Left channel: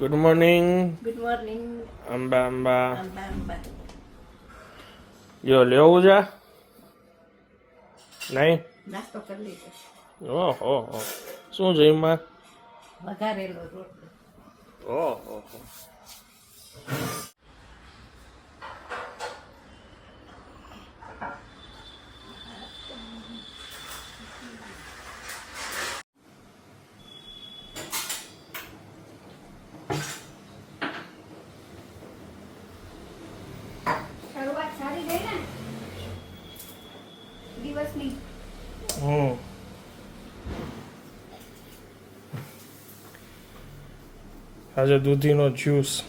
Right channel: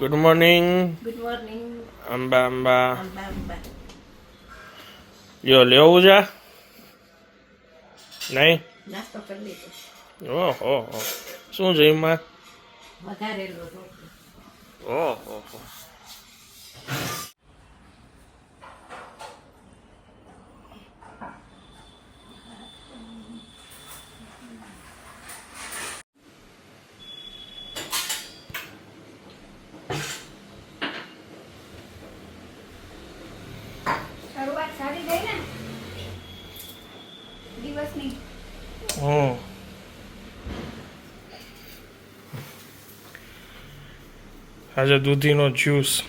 Good morning good morning અંબા અંબા જો લેવું છે નહીં નાસ્તો કરી લીધો ઓહો હો. શું છે એમાં વઘારેલો રોટલો ઓહો હો. સારી થઈ ને, દિવસની. હમ. આજે દૂધીનો જ્યુસ.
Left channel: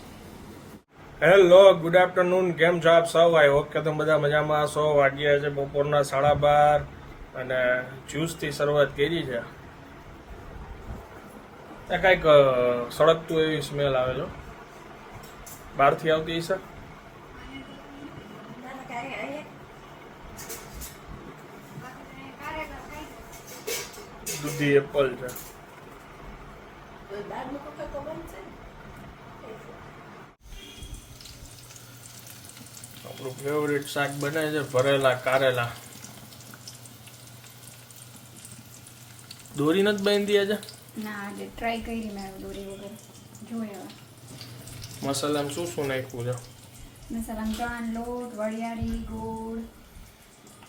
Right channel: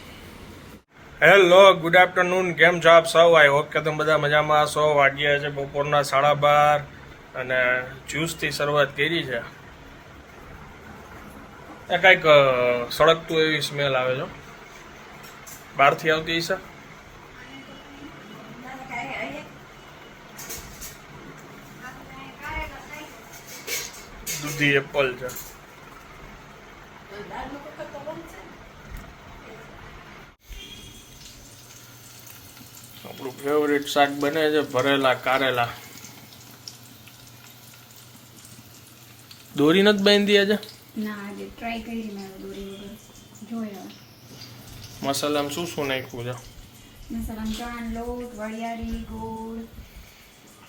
હેલો ગુડ આફ્ટરનૂન કેમ છો આપ સૌ? આઈ હોપ કે તમે બધા મજામાં સો વાગ્યા છે બપોરના સાડા બાર અને જ્યુસથી શરૂઆત કરી છે. કાંઈક સળગતું એવી સ્મેલ આવે છે બહારથી આવતી હશે? દૂધી એપલ છે. આપણું ફેવરિટ શાક બને છે ભરેલા કારેલા. દોરી નથી બાંધી આજે? ના આજે ટ્રાય કરી મેં દોરી વગર. મસાલામાં શું શું નાખ્યું છે? મસાલામાં ચણાનો લોટ વરિયાળી ગોળ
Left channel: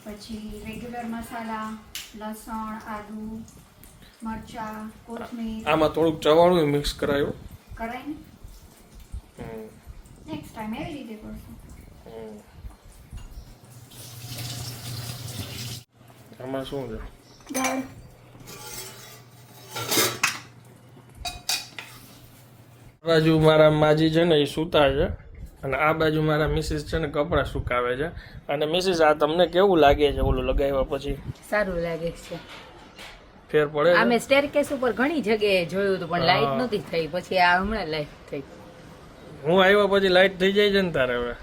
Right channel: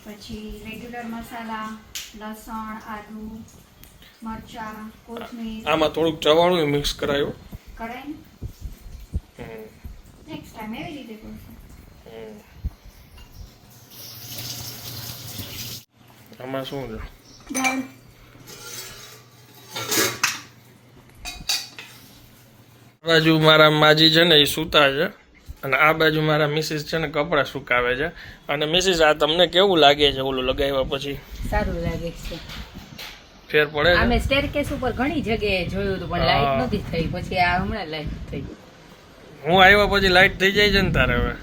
પછી રેગ્યુલર મસાલા લસણ આદુ. મરચાં કોથમીર. આમાં થોડુંક ચવાણું મિક્સ કરાયું. કઢાઈ. નેક્સ્ટ ટાઈમ એવી રીતે કરશું. આમાં શું છે? દાળ. બાજુ મારા માજી છે ને એ સૂતા છે. અને આ બાજુ મારા મિસિસ છે ને કપડાં સુકાવે છે. અને મિસિસ આ તમને કેવું લાગે છે? ઓલું લગાવ્યા પછી? સારું લાગે છે. ફેર પડે અમે સ્ટેરકેસ ઉપર ઘણી જગ્યાએ જોયું હતું પણ લાઈટ નથી થઈ. પછી આ હમણાં લાઈટ થઈ. હું આવ્યા પછી લાઈટ થઈ જાય છે ને તારે હવે.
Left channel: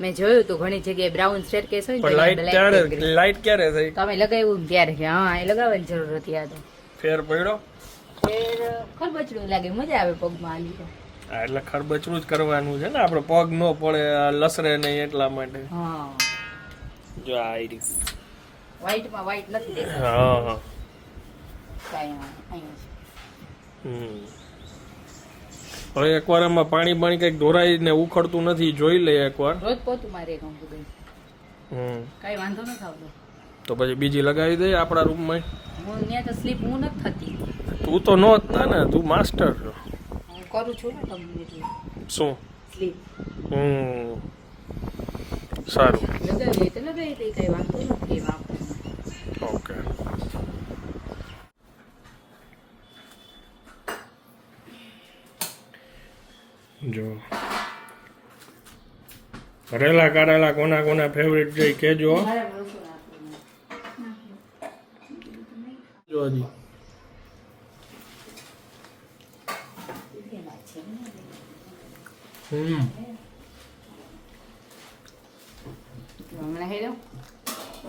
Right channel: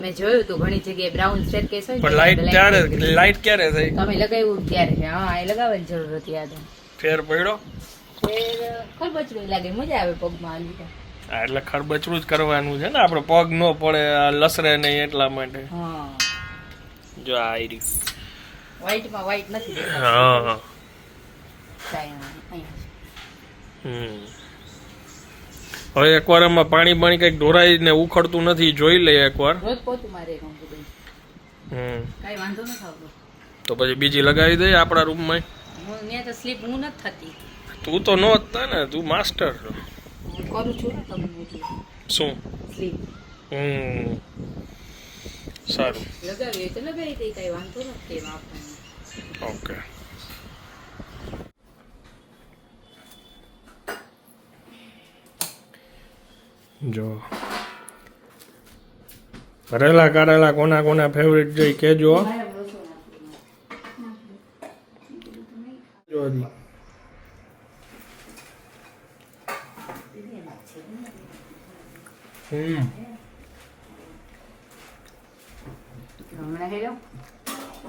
મેં જોયું હતું ઘણી જગ્યાએ બ્રાઉન સ્ટેરકેસ હોય પણ લાઈટ ત્યારે લાઈટ ક્યારે? થઈ તમે લગાવ્યું ક્યારે? છે હા એ લગાવવાની જરૂર હતી આ તો. ફેર પડ્યો? ફેર ખરબચડું લાગે. મજા આવે પગમાં આ લીધે હા, એટલે ખરબચડું જ કરવાનું છે ને. આપણે પગ ન પડે લસરે નહીં એટલા માટે. હા. જો આ આઈરીસ વ્હાઈટમાં વ્હાઈટ નથી હા. ના. હમ. હવે એકવાર આમાં પાણી પાણી કંઈક ઢોરાઈને ઉખડતું નથી જોઈ લઈએ એકવાર. રોજ પોતું મારે હમ. કાંઈ વાંધો નથી આવતો. તો પછી બીજી લગાવી દઈએ આપણા રૂમમાં. હું ત્યાં તો સ્લીપ હું નથી થતી. તું તો નો હતા ને તું માસ્ટર કરું છું ને તમને શું? Sleep hmm. સારું. લગાવી તો લગાવી દઈ કઈ વાંધો નથી એમાં આપણને ઓકે જો. ભરેલા કાઢેલા કોના કોના ફેવરેટ છે કેજો જો હજી. હમ.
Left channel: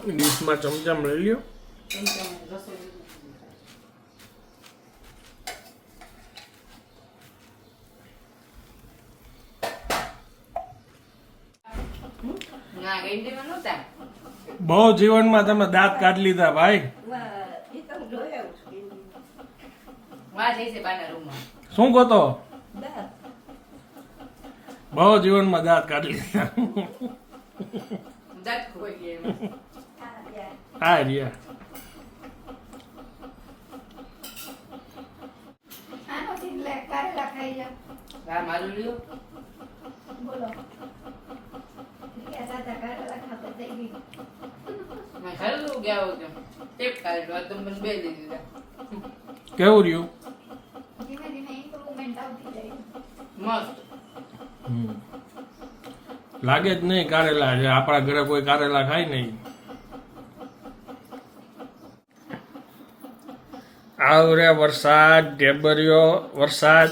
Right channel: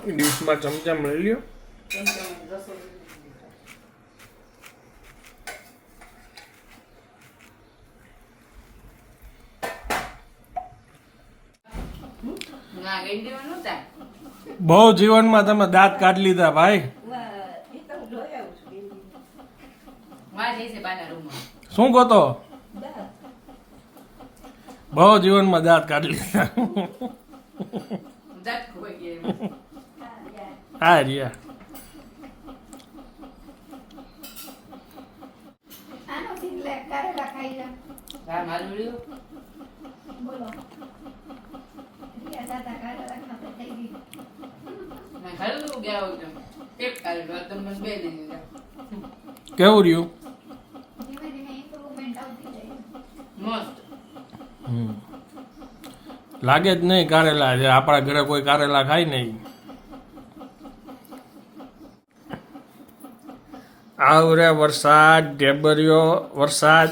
ડીશમાં ચમચમ લઈ લ્યો ના ગેંડીમાં નહોતા બહુ જીવનમાં તમે દાંત કાઢી લીધા ભાઈ. શું કહો તો? બહુ જીવનમાં દાંત કાઢી લીધા. દાંત ખોઈ ગયા એમાં. હા રિયા. મારું બોલો રિયા દાદા કારેલા ખાતા થઈ ગઈ મેં ખાધું ગયા વખતે ટેપ કાઢ્યો આ તો મને બે દઈ દીધા કેવું રહ્યું. લાગે જ નહીં કારેલા છે. આપણા ઘરે કોઈ કારેલા ખાય નહીં. આવરે વરસાદ ઢેબરિયો વરસાદ.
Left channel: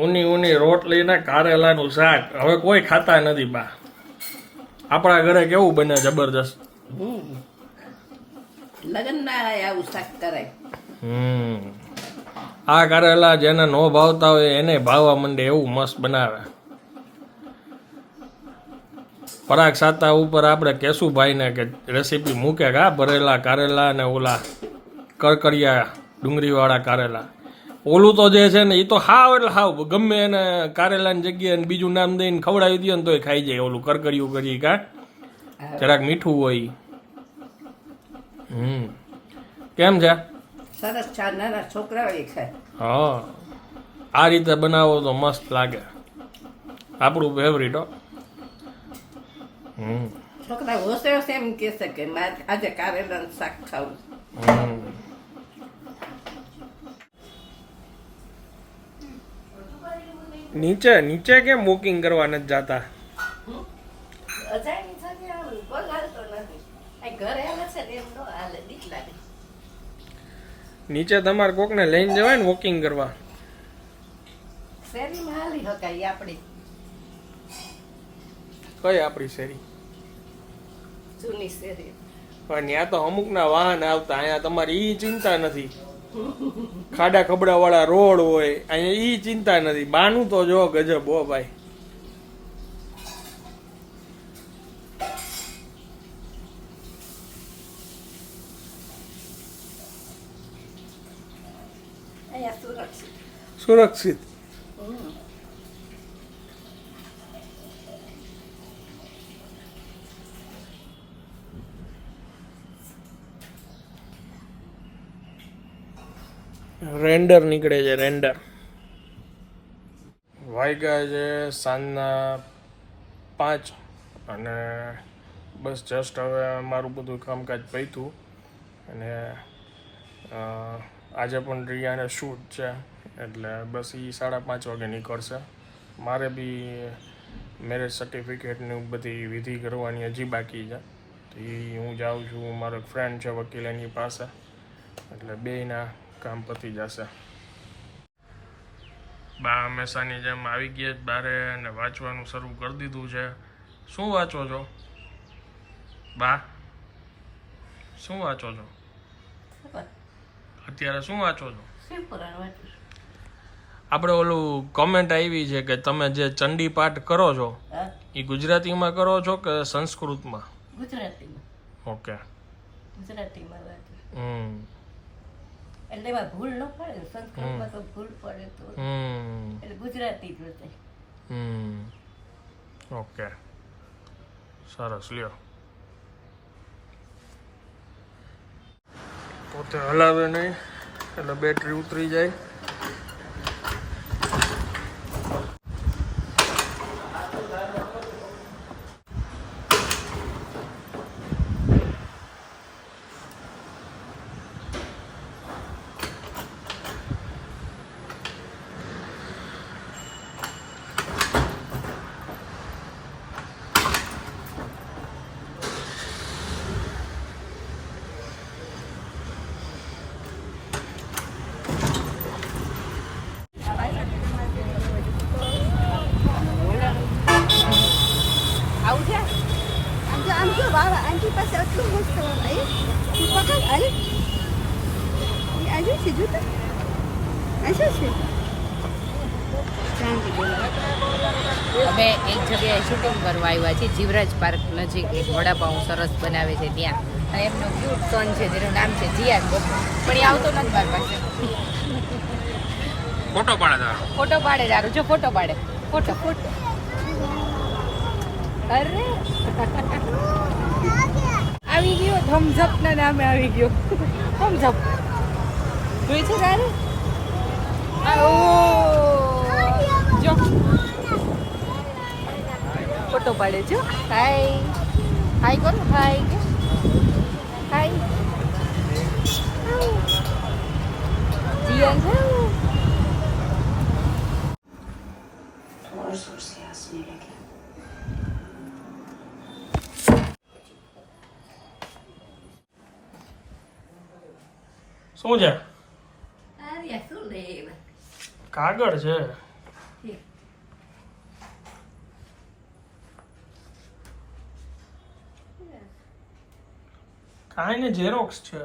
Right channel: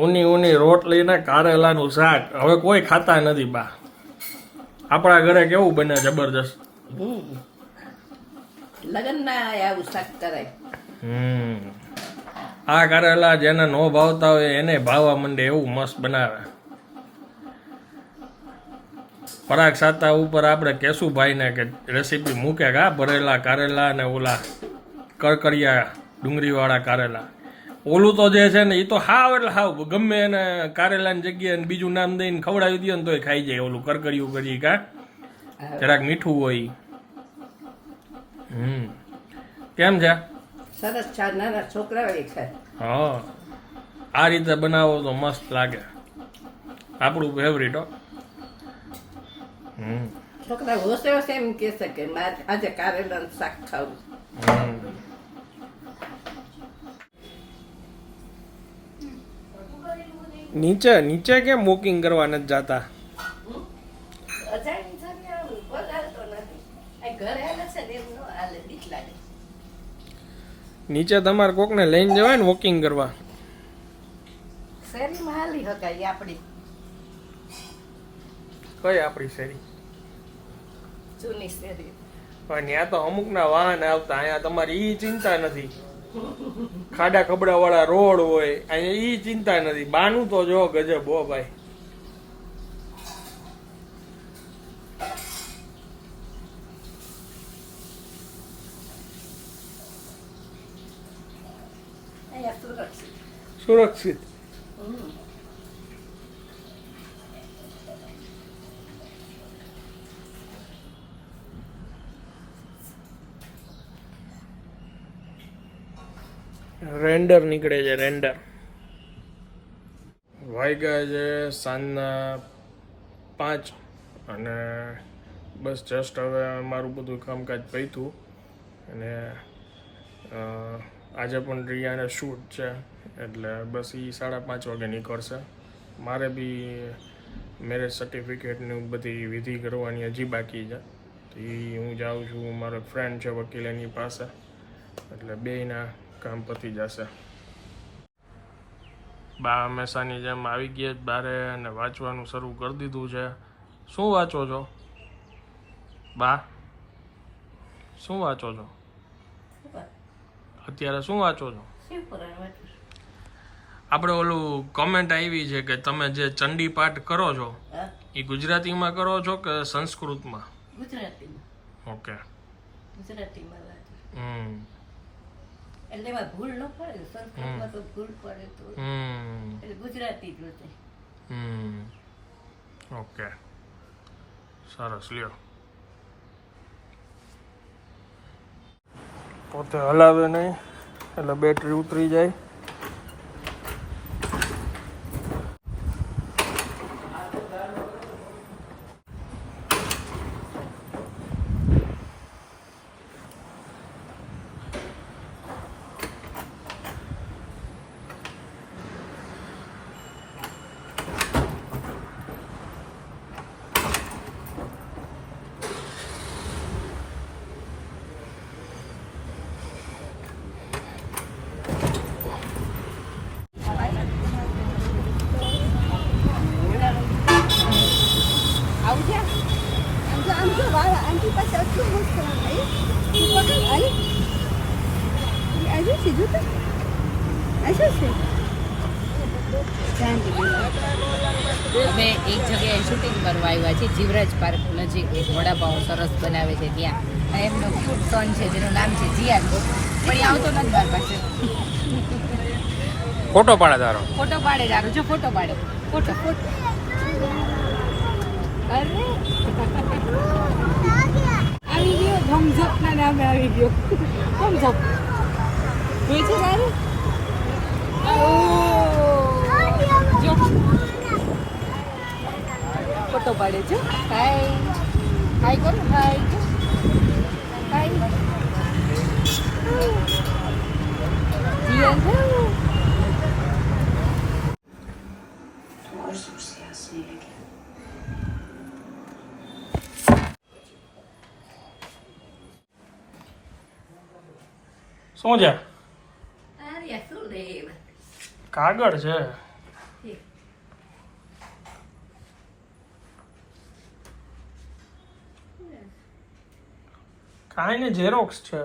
ઊની ઊની રોટલી ને કારેલાનું શાક. હવે કોઈ ખાતા નથી બા. આપણા ઘરે કેવું બને જબરદસ્ત હમ આવું શાક કરાય. હમ. આ કારેલા જેને ન ભાવતા હોય એને ભાવવા માંડે એવું મસ્ત બનાવે. પરાગ સાતા ઉપર આપણે કેશુભાઈને કે રેસીપી મૂકે કે આ ભરેલા કારેલા અને ઓલા કરકરિયા ડુંગળીવાળા કારેલા. ઓલું તો જે છે ને એ તો હાવ એટલે હાવ. ગમે એને કારેલાની જગ્યાએ બીજું નામ દઈને ખવડાવી દે ને તોય ખાઈ જાય ઓલું કરકરિયું કરી કા. જરાક મીઠું હોય. હમ. કેમ છે? સરસ ચા નાના છોકરાઓ એ છે. હા. આ રીતે બનાવો તો મસ્ત લાગે. આપણું ફેવરિટ હો. હમ. છોકરા હોશે હોશે એમ કહેશે કે મારે આજે કારેલાનું શાક ખાવું. નીચે નીચે કેમ વોકિંગ કરવા નથી જાતા? ઘરે આવે છે ને એમ નો હાલે બીક લાગે નીચે તમારે કોકને લઈને જવાય ને વોકિંગ કરવા. શેરીમાં હાલી હકાય આપણી. કઈ આપણી શેરી? જૂની શેરી. પણ ત્યાં તો અમુકના વાહન આવતા અહીંયા તમારી ઈ ચિંતા નથી. ખાડા ખબડા વાળા રોડ હોય અહીંયા ઈ ચિંતા નથી. બાનું તો જો ગજબ હો ભાઈ અહીંયા સુરક્ષિત. સુરક્ષિત. રેન્ડર નીકળે છે રેન્ડર. વાગ્યા છે સાંજના પાંચ અને બસ જસ્ટ હવે મારું બધું કામકાજ પૈતું અને આજે પણ રિયાને શૂટ છે, એટલે બસ એ સાડા પાંચ વાગે નીકળશે. મારે બી મેરેજ સર્ટિફિકેટની બધી વિધિ કરવાની હજી બાકી છે. તો એ હું જાઉં છું, મારો ફ્રેન્ડ છે વકીલ એની પાસે, એટલે બેયના કામ પતી જશે. બા હંમેશાની જેમ આવી ગયા જ બારે અને વાંચવાનું શરૂ કરી દીધું છે. શું વાંચો છો? બા, શું વાંચો છો? અત્યારે શું વાંચો છો. આપણે ઓલું કોમેન્ટ આવી છે કે તમે જે ચંડી પાઠ કરો છો એ ગુજરાતીમાં કરો છો કે સંસ્કૃતમાં? ગુજરાતીમાં. ઓકે ગુજરાતીમાં હમ. એટલે એમાં ભૂલ ન પડે સંસ્કૃતમાં તો ભૂલ પડે તો. એટલે ગુજરાતી જ હમ. ઓકે સરસ લ્યો. પોતે હલાવે નહીં એટલે બેટરી ઉતરી જાય આવું છે આમ જો આમ જો વાહ વાહ, આંટી પાસે આટલું મસ્ત આવ્યું તું પકડ અરે એ આવ્યું છે જો તો આ से અમે એક જગ્યાએ શૂટિંગ કરવા આવ્યા છીએ જીવરાજ પાર્ક નજીક એક વડાપાઉં સરસ બનાવે છે ત્યાં. અને એમનો ક્યુટ સન છે જેનું નામ છે જીયા પણ એ આવતો નથી મારી ફોટો પાડે તારો. ફોટો પાડે તારો જો ફોટો પાડે. Photo photo. અરે. આવી ગયો ધમઝપ ના નામે આવી ગયો. ધમઝપ જોઈ છે તારે? જો ફોટો પાડે જો હાય હાય કરો હાય હાય જીવન છે શું છે આર્યા શું લે એવા કાગળ છે. કાંઈ ને ઝેરોક્સ છે.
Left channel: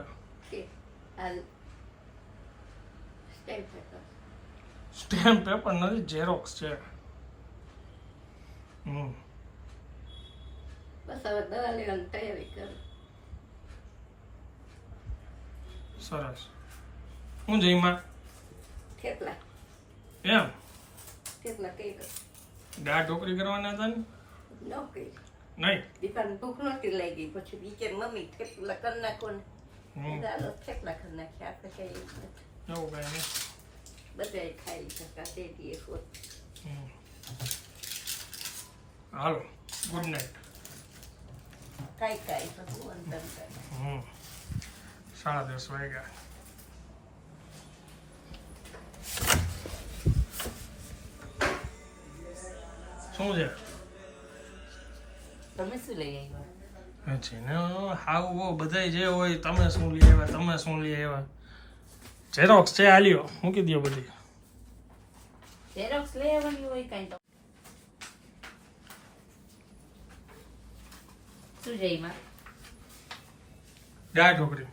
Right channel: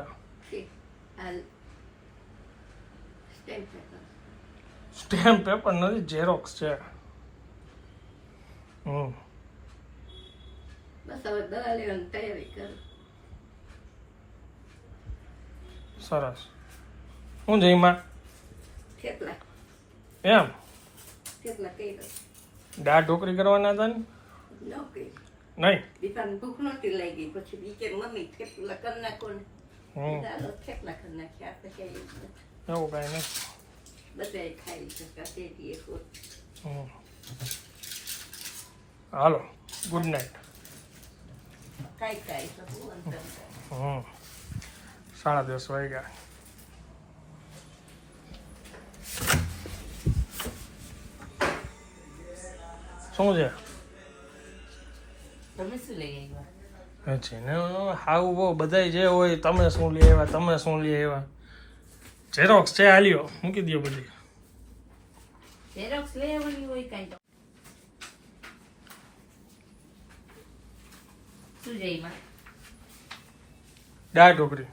સ્ટેમ્પ પેપર નથી ઝેરોક્સ છે. હમ. બસ હવે દવા લેવાની તૈયારી કરું. સરસ. હું જઈમાં. થેપલા એમ? કેટલા કર્યો દાળ ઢોકરી કરવાના હતા ને? નહીં. દીપાને ભૂખ નહોતી લાગી. પછી ઈ કે મમ્મી થેપલા કરી નાખો ને. ચાલો થેપલા કરી નાખ્યા કઈ એવું કાંઈ નહીં. બધાય ખાઈ શકા તે દીએ હાલો ગુડ નાઇટ કાંઈ કાંઈ તો હું અંતર સાડા દસ વાગ્યા. શું છે તમે શું લઈ આવ્યા છે ને હાવ બહુ બધાય જે હોય તમે શું લઈ આવ્યા તમે શું લઈ આવ્યા ઝેરોક્સ છે હાલ્યો મૂકી દો બધી ઝેરોક્સ લઈ આવવાની હોય કાંઈ તો શું જઈમાં દાળ ઢોકળી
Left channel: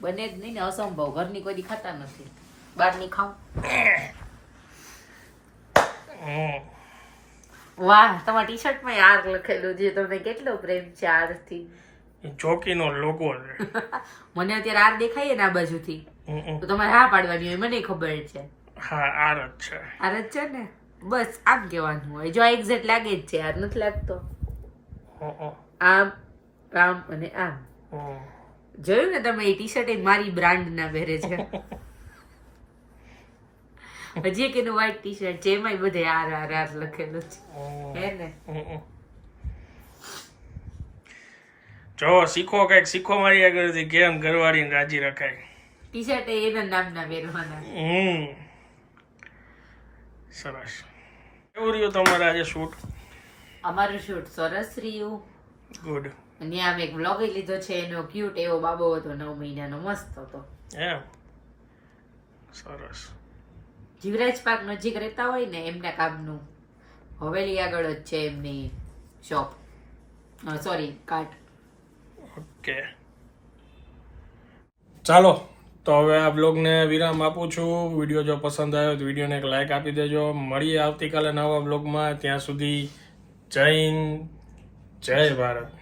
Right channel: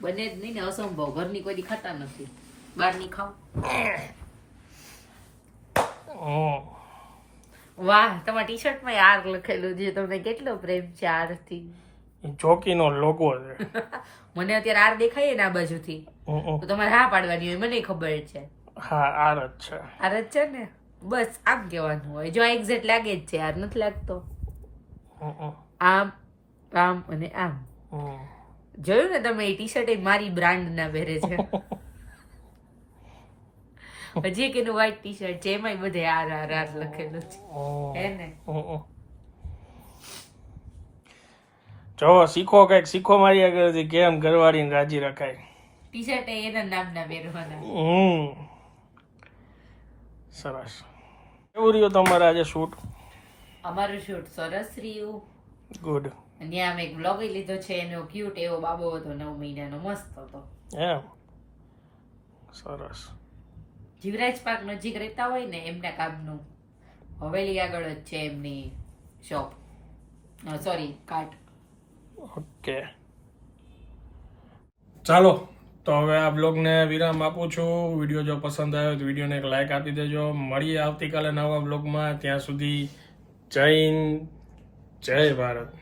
બને જ નહીં ને અસંભવ ઘરની કોઈ ખાતા નથી બહારની ખાવ. વાહ તમારા ટી શર્ટમાં આર લખેલું છે. તમને કેટલો પ્રેમ છે આરથી ચોકીનો લોગો છે. મને અત્યારે આર દેખાય ને આ બાજુથી. તો તમારે હા પાડવાની હોય મને ખબર છે. હા આર જ છે. આર જ છે ને? બસ આમ કહેવાનું હોય. જો એક્ઝેક્ટ લાગે જ છે આર નથી લાગતો. આમ આમ અને આમ. જોયું ને તમે એ ટી શર્ટ એ મારી બ્રાન્ડ ના પહેરે છે. હજી એક એનું વ્હાઈટ ટી શર્ટ છે એમાંય બધે આર આર આર લખેલું છે. હે ને. જો શીખો કંઈક શીખો મારી આગળથી કેમ ઘરવાળીને રાજી રખાય. ટી શર્ટ એના નામના પહેરવાના. હમ. સરસ. કેવું રહ્યું તમારે આજે શૂટ અમારું શૂટ સરસ રહ્યું. ગુડ અને આમ એક બ્લોગ લીધો છે એનો ક્યુટ એવો બાબો હતો નવ મહિનાનો મસ્ત હતો. એમ. સરસ. જીવરાજ પાર્ક નજીક રહેતા હોય ને એમના કામનું હવેલી આગળ જ છે એમની શોપ. Sorry cart okay. ચાલો, તો હવે આ બ્લોગને વિરામ આપું છું. વીડિયો જો પસંદ આવ્યો તો વિડીયોને એક લાઇક આપી દેજો. મળીએ આવતીકાલે નવા બ્લોગમાં ત્યાં સુધી જય હિન્દ, જય ભારત.